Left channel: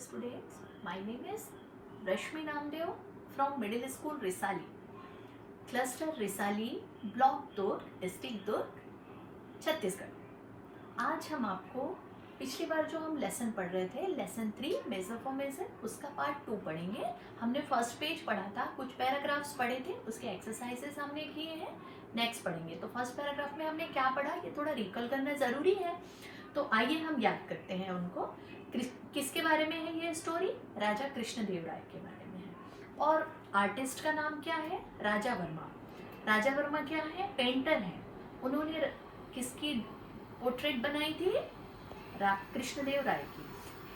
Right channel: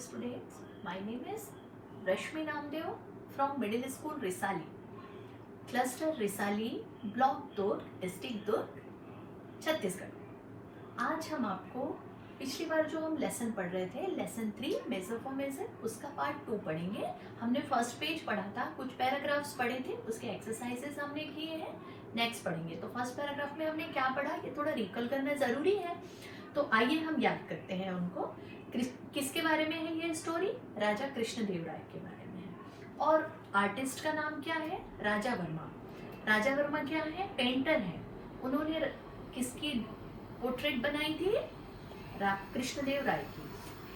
students. My name is Rashmi Namdev from Middle School Risali, Cluster Risali, Block Durg, district दुर्ग, छत्तीसगढ़। आज हम आपको पिछली बार जो हम लेसन पढ़ रहे थे, लेसन 3 मेजर फॉर मेजर, उसका पार्ट 2 पढ़ेंगे। हमने फर्स्ट पेज पढ़ा था, कुछ पैराग्राफ्स पढ़े थे, उसके एक्सरसाइजेस हमने किए हैं। नेक्स्ट पढ़ेंगे। तो फर्स्ट पैराग्राफ में हमने क्या पढ़ा, ये थोड़ा रिकॉल करना जरूरी है। तो आइए हम याद करते हैं उनको। किसके बारे में है ये स्टोरी? राजा कृष्णदेव राय के बारे में है। और आर्टिस्ट का नाम क्या है? राजा वर्मा। राजा वर्मा क्या है? पेंटर है। उन्होंने किसकी पोर्ट्रेट बनाई थी? कृष्णदेव राय की।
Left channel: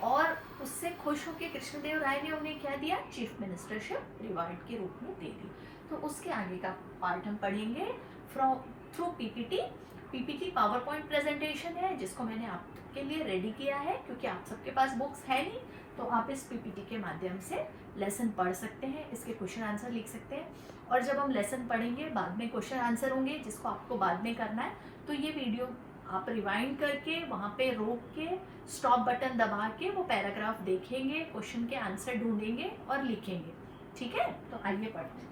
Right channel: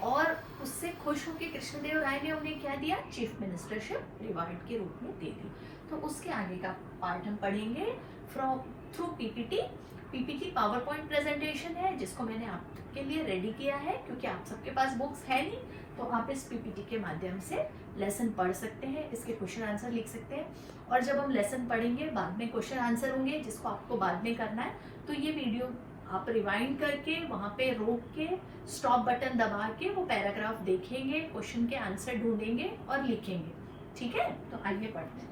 और उससे खुश होकर कृष्णदेव राय ने उन्हें क्या दिया? चीफ मिनिस्टरशिप रिवार्ड के रूप में दे दी। तो उसके आगे का पार्ट हम पढ़ेंगे through PPT. PPT power point presentation है, जिसको मैंने आपके लिए रेडी किया है, क्योंकि आप सबके पास बुक्स है नहीं, तो आप इस पीपीटी के माध्यम से लेसन पढ़ सकते हैं, इसके क्वेश्चन आंसर लिख सकते हैं। और जब हम लेसन पढ़ेंगे, बाद में क्वेश्चन आंसर होंगे, जिसको आपको बाद में करना है, तो ये वीडियो आप रिवाइंड करके वहां पे रोक के स्टॉप बटन दबा के वो पैराग्राफ देखेंगे, क्वेश्चन के आंसर ढूंढेंगे और लिखेंगे। ठीक है? तो आइए पढ़ते हैं।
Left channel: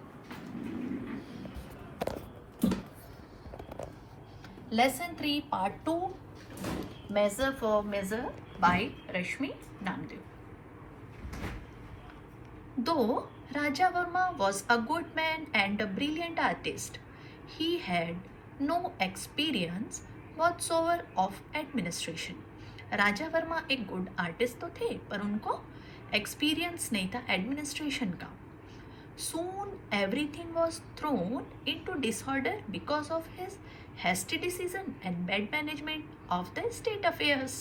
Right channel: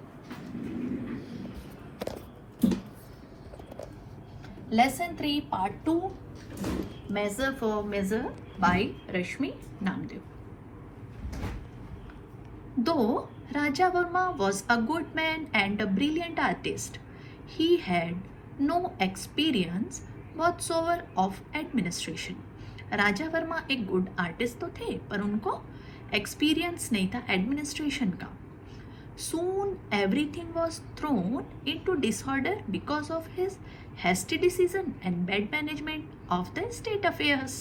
Lesson 3 part 2 measure for measure by Rashmi Namdev. Though Raja Verma was a good man and a brilliant artist, he had no experience whatsoever of administration. राजा वर्मा एक गुड आर्टिस्ट तो थे, पर उनको एक्सपीरियंस नहीं था एडमिनिस्ट्रेशन का। Soon everything was thrown into disorder because of his hasty decision and bad management of the state affairs.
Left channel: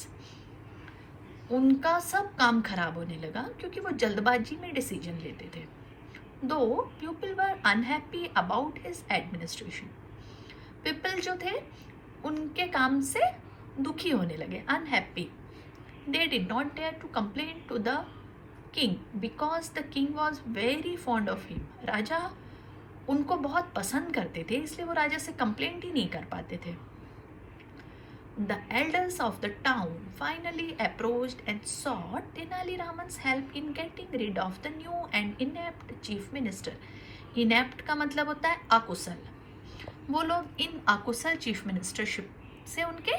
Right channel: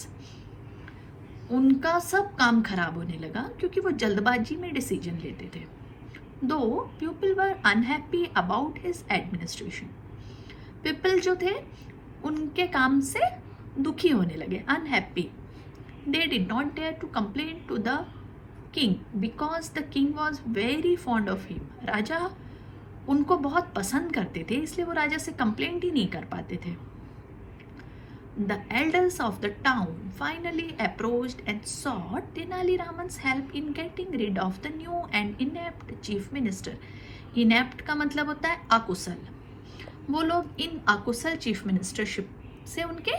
उनका सब काम खराब होने लगा क्योंकि वो जल्दबाजी में डिसीजन लेते थे। Though people were unhappy about his administration. People जो थे उनके काम से दुखी होने लगे, unhappy. They did not dare to complain to the king because the king was very fond of him. राजा उनको बहुत पसंद करते थे, इसलिए वो राजा से कंप्लेंट ही नहीं कर पाते थे। The elders of the town finally approached and sought Tenali Raman's help in getting rid of the new and inept chief minister. Inept का मतलब होता है अकुशल। वो लोग इन अकुशल चीफ मिनिस्टरशिप से उनके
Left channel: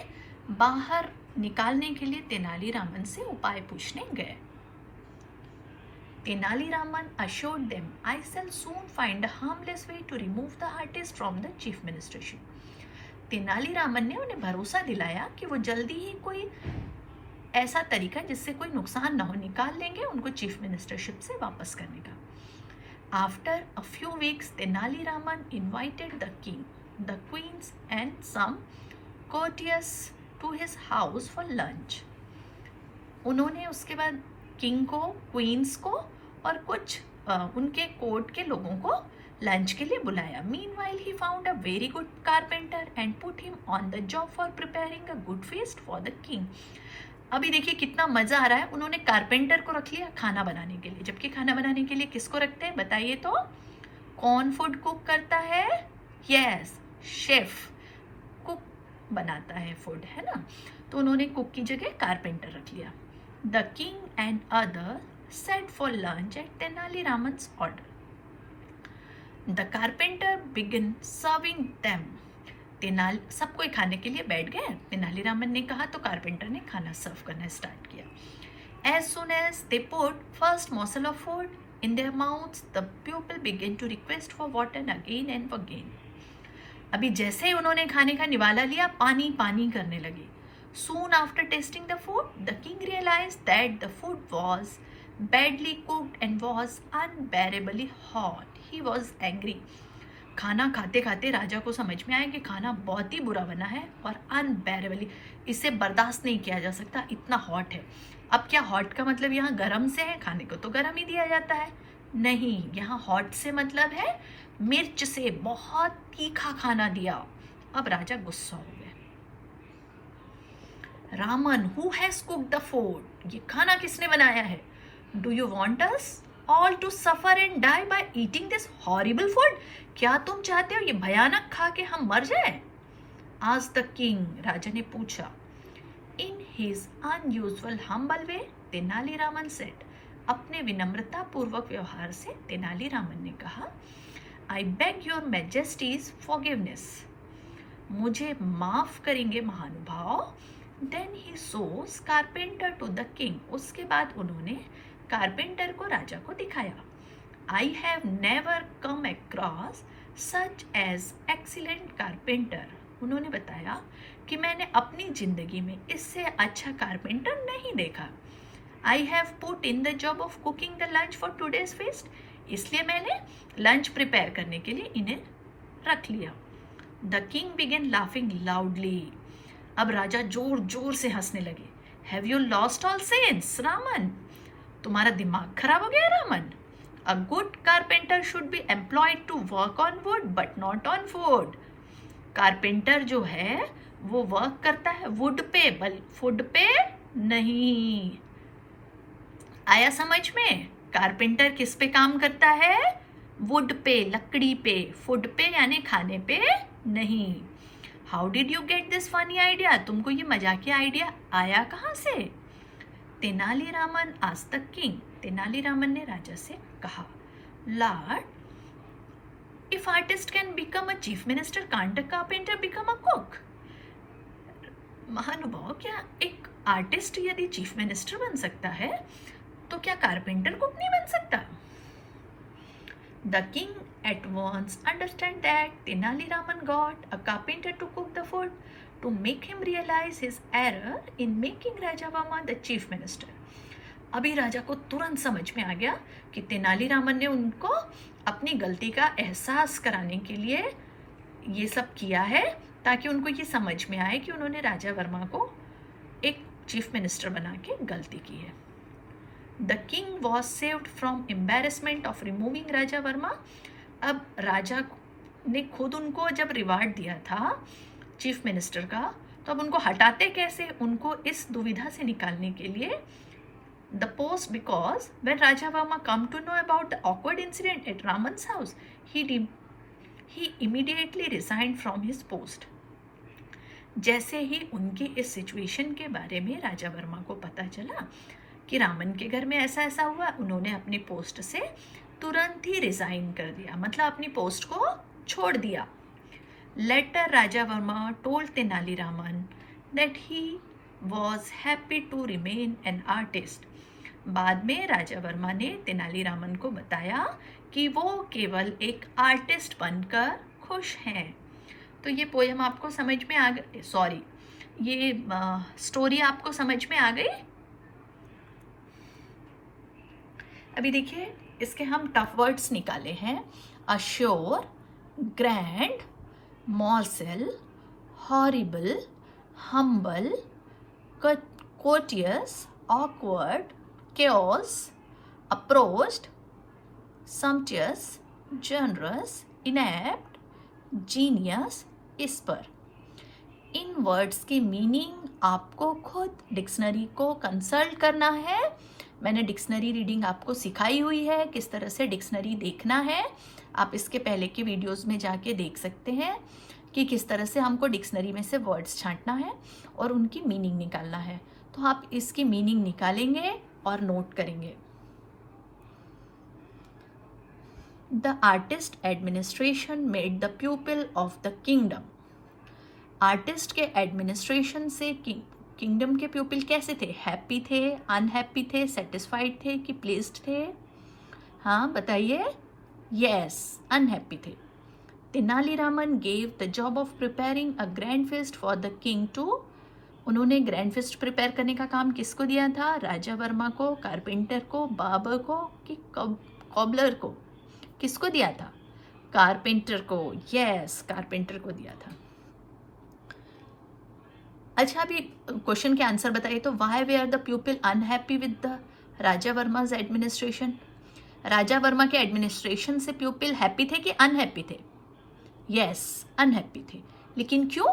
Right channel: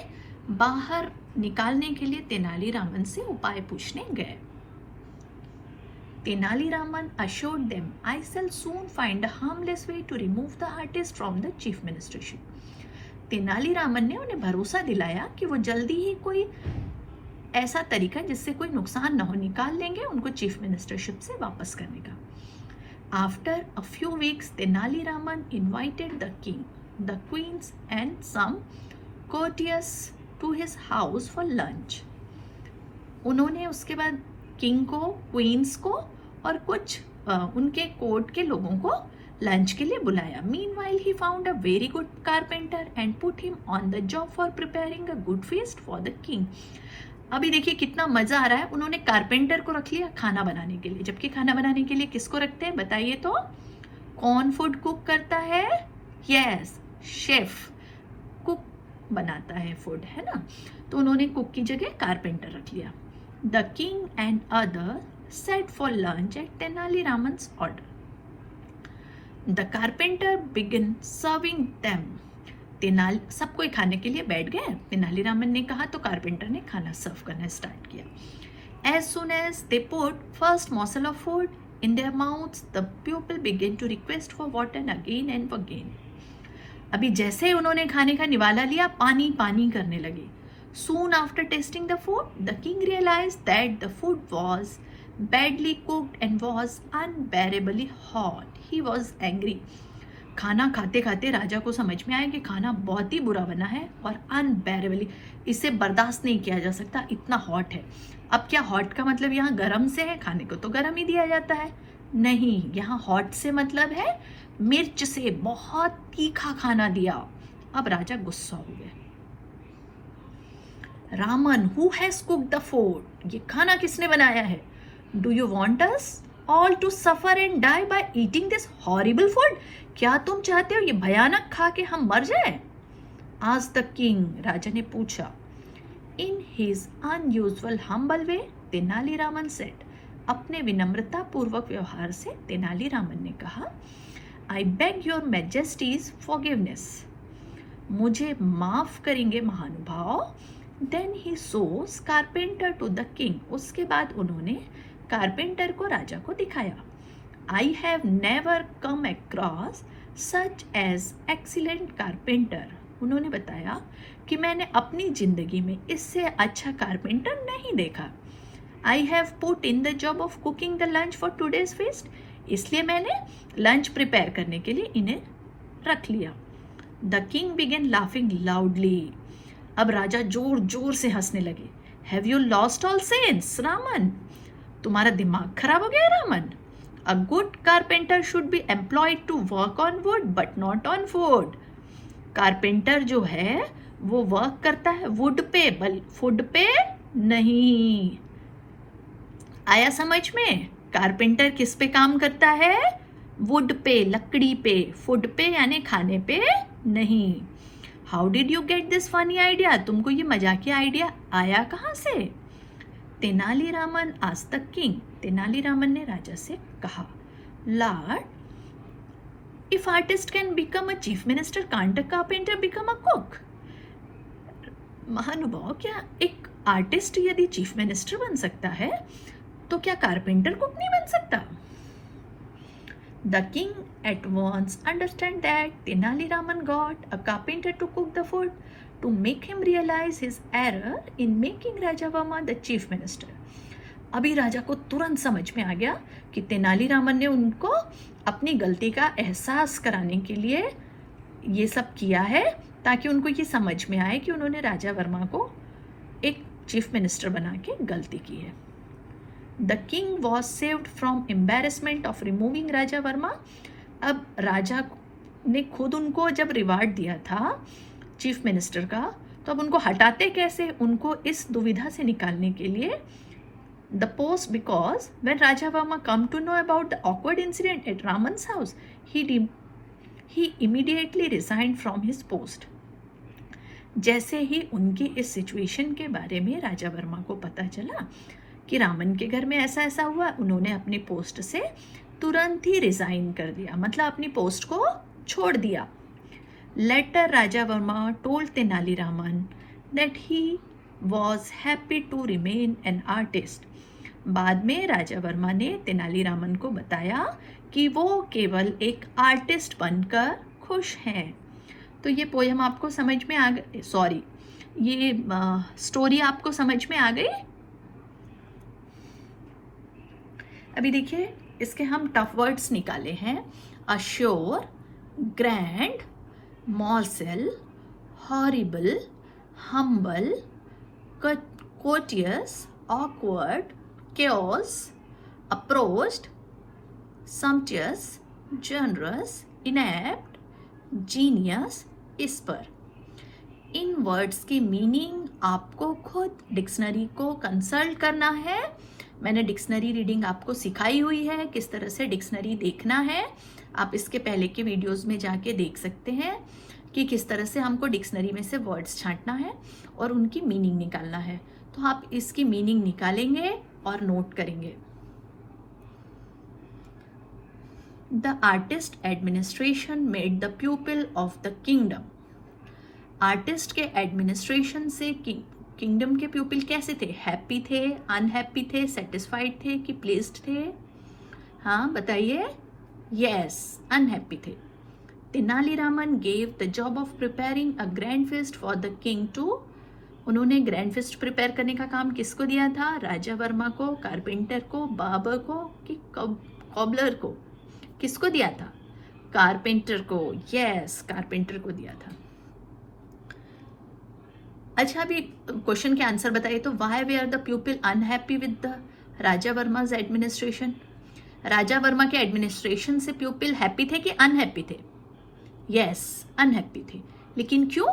बाहर निकालने के लिए तेनाली रामन से उपाय पूछने गए। Tenali Raman assured them, I shall soon find a harmless way to remove the artist from the chief ministership. Tenali Raman ने उन्हें भरोसा दिलाया कि वो जल्दी ही कोई ऐसा तरीका जिससे कोई नुकसान न हो निकाल लेंगे उनको चीफ मिनिस्टरशिप से वापस करने का। After a few weeks, Tenali Raman invited the king, the queens and some courtiers to his house for lunch. उन्होंने उसके बाद किंग को, क्वींस को और कुछ उनके कोर्ट के लोगों को लंच के लिए बुलाया। Meanwhile, he found a very good carpenter and put him on the job for preparing a good feast for the king. अभी देखिए कितना मजा आ रहा है। उन्होंने कारपेंटर को रख लिया खाना बनाने के लिए, जबकि खाना बनाने के लिए किसको रखते हैं बताइए तो? कौन फूड कुक करता है? Yes, chef. कुक बनाता है फूड, है ना? तो उन्होंने कुक की जगह कारपेंटर रख लिया। The king and others sat for lunch at Tenali Raman's order. The carpenter began serving them. सब कोई खाने के लिए बैठ गए। तेनाली रामन ने कहा तो कारपेंटर ने खाना सर्व करना स्टार्ट किया। As soon as they put first morsel of food in their mouths, the people began to request for water again and again. अभी जैसे ही उन्होंने खाने का निवाला लिया, पानी पानी करने लगे। Soon after tasting the food, the king realized that the food was badly cooked and was unbearably hot. He was angry. खाना खाते खाते राजा को समझ में आया कि खाना बहुत ही बुरा बना है और अनबेरेबली, इसे बर्दाश्त नहीं किया जा सकता, इतना हॉट है। अब क्या हॉट का मतलब यहाँ गर्म से है? खाने को तो गर्म ही दिया जाता है। नहीं, यहाँ हॉट से मतलब है मिर्च से, बहुत तीखा खाना दिया। अब राजा गुस्सा हो गया। Raman, who has cooked the food? ये खाना किसने बनाया है? Do you want us all to suffer and die by eating this horrible food? क्या तुम चाहते हो ये भयानक खा के हम मर जाए? आज द किंग, राजा ने पूछा। In his unusual humble way, Tenaliraman said, अपने विनम्रता पूर्वक व्यवहार से तेनालीरामन ने कहा, I beg your majesty's forgiveness, मुझे माफ करेंगे महानुभाव। Then he shows carpenter to the king, उसके बाद उन्होंने कारपेंटर को राजा को दिखाया। I have never come across such as excellent carpenter, उन्होंने बताया कि मैंने अपनी जिंदगी में इससे अच्छा कारपेंटर नहीं देखा। I have put in the job of cooking the lunch for today's fest, इसलिए मैंने लंच प्रिपेयर करने के लिए इन्हें रख लिया। The king began laughing loudly, अब राजा जोर जोर से हंसने लगे। Have you lost all sense Raman, तुम्हारा दिमाग खराब हो गया Raman. A good carpenter should be employed to work on wood but not on food, carpenter जो है वो वर्क करता है वुड पे, बल फूड पे नहीं। आया समझ में? कारपेंटर किस पे काम करता है? वुड पे, लकड़ी पे, फूड पे यानी खाने पे नहीं। How did you get this funny idea, तुमको ये मजाकिया आइडिया आया कहाँ से? तेनालीरामन आज तक किंग, तेनालीरामन ने राजा से कहा, Lord, if artist can become a chief minister, can't uh carpenter become a cook? महानुभाव, क्या एक आर्टिस्ट यदि चीफ मिनिस्टर बन सकता है तो क्या कारपेंटर कुक नहीं बन सकता? The king at once understood that Tenali Raman got a carpenter to cook the food to make him realize his error in making Rajavarma the chief minister. अभी राजा को तुरंत समझ में आ गया कि तेनालीरामन ने उनको अपनी गलती का एहसास कराने के लिए ये सब किया है, ताकि उनको ये समझ में आए कि उन्होंने राजा वर्मा को एक चीफ मिनिस्टर बना के गलती की है। The king was saved from embarrassment of removing राजा वर्मा, अब राजा ने खुद उनको जब रिवार्ड दिया था चीफ मिनिस्टर का, तो अब उनको हटाते कैसे? उनको इस दुविधा से निकालने के लिए the post, because when Raja Varma come to know about the awkward incident at Raman's house, he immediately resigned from his post. जैसे ही उनकी इस सिचुएशन के बारे में राजा वर्मा को पता चला कि रामन के घर में ऐसा ऐसा हुआ, उन्होंने अपनी पोस्ट से तुरंत ही रिजाइन कर दिया, मतलब अपनी पोस्ट को छोड़ दिया। Later Raja Varma told Tenaliraman that he was happy to remain an artist, बाद में राजा वर्मा ने तेनालीरामन को बताया कि वो केवल एक आर्टिस्ट बनकर खुश हैं। तो ये पोयम आपको समझ में आ गई, सॉरी ये स्टोरी आपको समझ में आ गई? अभी देखिए इसके हम टफ वर्ड्स निकाले हैं, assure, grand, morsel, horrible, humble, courteous, awkward, chaos, approached, sumptuous, generous, inept, genius, isper। इन वर्ड्स की मीनिंग आपको खुद डिक्शनरी को कंसल्ट करना है। मैंने डिक्शनरी रीडिंग आपको सिखाई हुई है, किस तरह से डिक्शनरी देखना है। आप इसके पहले के वीडियोस में जाके देख सकते हैं कि किस तरह से हमको डिक्शनरी में से वर्ड्स छांटना है और उनकी मीनिंग निकालना है। तो आप इसकी मीनिंग निकालेंगे और नोट करेंगे। The artist administration made the प्यूपिल of the kingdom. Artist के एडमिनिस्ट्रेशन से किंगडम के प्यूपिल कैसे थे? हैप्पी थे, अनहैप्पी थे, सेटिस्फाइड थे कि प्लीज्ड थे? हाँ बताइए। यस, अनहैप्पी थे। Tenaliraman gave the job of preparing a grand feast for the king too. उन्होंने ग्रैंड feast प्रिपेयर करने का काम किसको दिया था? राजा वर्मा को, कारपेंटर को, बाबर को कि कॉबलर को? किसको दिया था? कारपेंटर को। यस, कारपेंटर को दिया था। अच्छा अभी क्वेश्चन के आंसर बताइए तो why were the people unhappy with the Raja Varma's administration? Raja Varma के एडमिनिस्ट्रेशन से पीपल हैप्पी थे कि अनहैप्पी थे? यस, अनहैप्पी थे। लेकिन क्यों?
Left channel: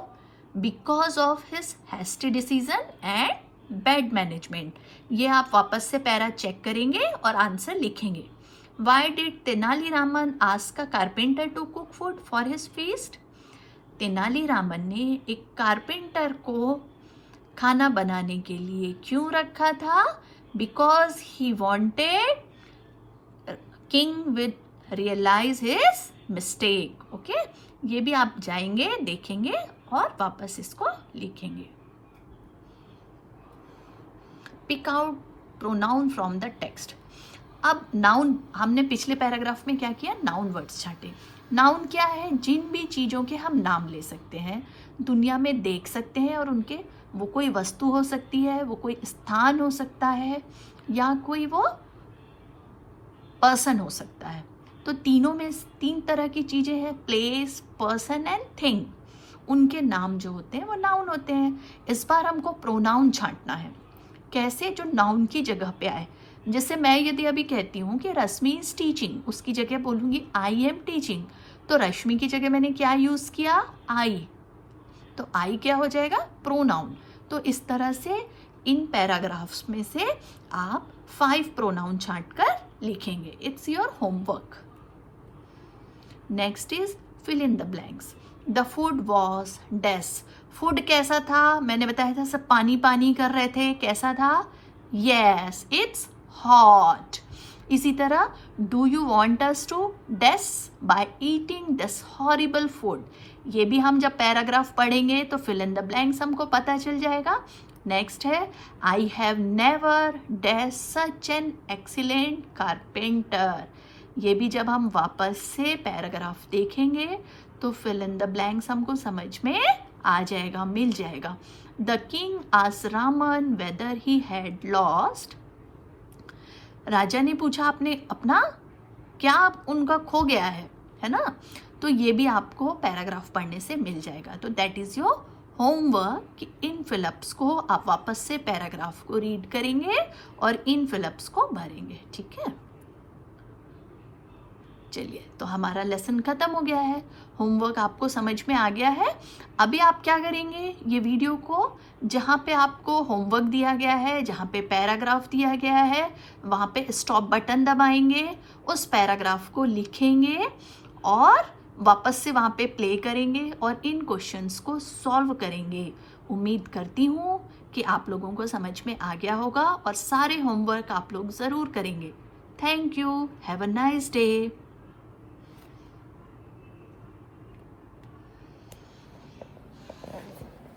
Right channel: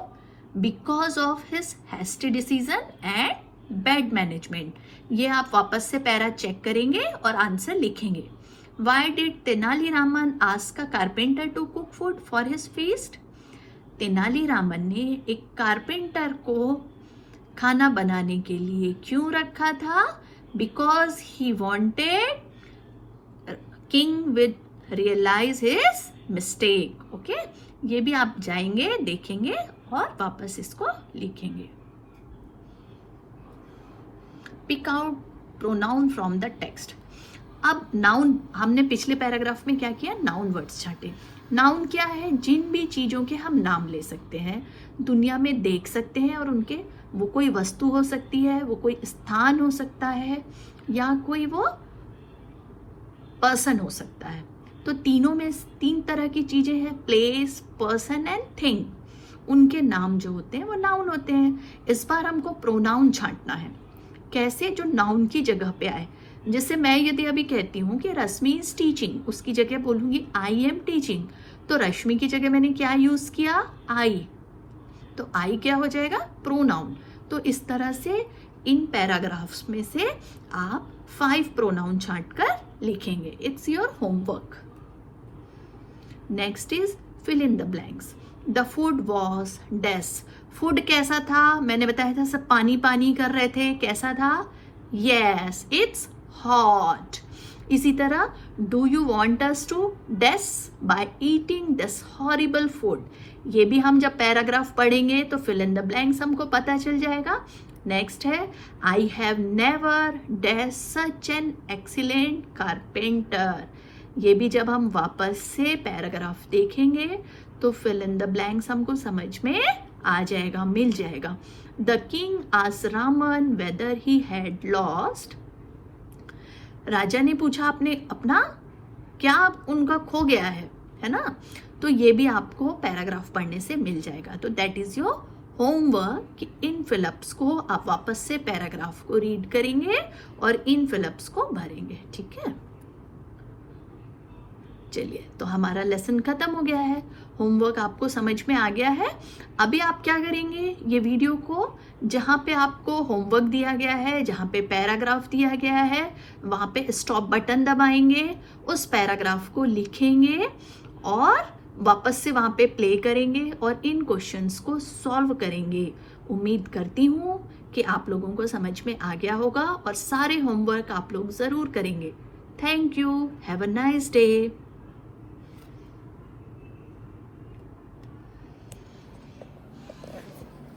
Because of his hasty decision and bad management. ये आप वापस से पैरा चेक करेंगे और आंसर लिखेंगे। Why did Tenaliraman ask a carpenter to cook food for his feast? Tenaliraman ने एक कारपेंटर को खाना बनाने के लिए क्यों रखा था? Because he wanted king with realise his mistake. Okay, ये भी आप जाएंगे, देखेंगे और वापस इसको लिखेंगे। Pick out pronoun from the text. अब नाउन हमने पिछले पैराग्राफ में क्या किया, नाउन वर्ड्स छाटे। नाउन क्या है, जिन भी चीजों के हम नाम ले सकते हैं, दुनिया में देख सकते हैं, और उनके वो कोई वस्तु हो सकती है, वो कोई स्थान हो सकता है, या कोई वो पर्सन हो सकता है। तो तीनों में 3 तरह की चीजें हैं, प्लेस, पर्सन एंड थिंग। उनके नाम जो होते हैं वो नाउन होते हैं। इस बार हमको प्रोनाउन छांटना है, कैसे, जो नाउन की जगह पे आए। जैसे मैं यदि अभी कहती हूँ कि रश्मि इज टीचिंग, उसकी जगह बोलूंगी आई एम टीचिंग, तो रश्मि की जगह मैंने क्या यूज किया, आई, तो आई क्या हो जाएगा, प्रोनाउन। तो इस तरह से इन पैराग्राफ्स में से आप 5 प्रोनाउन छांट कर लिखेंगे। It's your homework. Next is fill in the blanks. The food was dash. Food कैसा था, मैंने बताया था सब पानी पानी कर रहे थे, कैसा था, यस इट्स हॉट। इसी तरह do you want us to dash by eating this horrible food. ये भी हम जब पैराग्राफ पढ़ेंगे तो फिल इन द ब्लैंक्स हमको पता चल जाएगा। नेक्स्ट है आई have never dash such an excellent carpenter. ये भी जब हम वापस से पैराग्राफ देखेंगे तो फिल इन द ब्लैंक्स हमको समझ में आ जाएगा, मिल जाएगा। The king asked Raman whether he had lost. राजा ने पूछा आपने अपना क्या उनका खो गया है ना। तो ये भी आपको पैराग्राफ पढ़ने से मिल जाएगा। तो दैट इज योर होमवर्क कि इन फिलअप्स को आप वापस से पैराग्राफ को रीड करेंगे और इन फिलअप्स को भरेंगे, ठीक है। चलिए, तो हमारा लेसन खत्म हो गया है, होमवर्क आपको समझ में आ गया है। अभी आप क्या करेंगे, ये वीडियो को जहाँ पे आपको होमवर्क दिया गया है, जहाँ पे पैराग्राफ दिया गया है, वहाँ पे स्टॉप बटन दबाएंगे, उस पैराग्राफ को लिखेंगे और वापस से वहाँ पे प्ले करेंगे और इन क्वेश्चंस को सॉल्व करेंगे। उम्मीद करती हूँ कि आप लोगों को समझ में आ गया होगा और सारे होमवर्क आप लोग ज़रूर करेंगे। Thank you, have a nice day.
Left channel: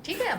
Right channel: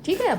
ठीक है अब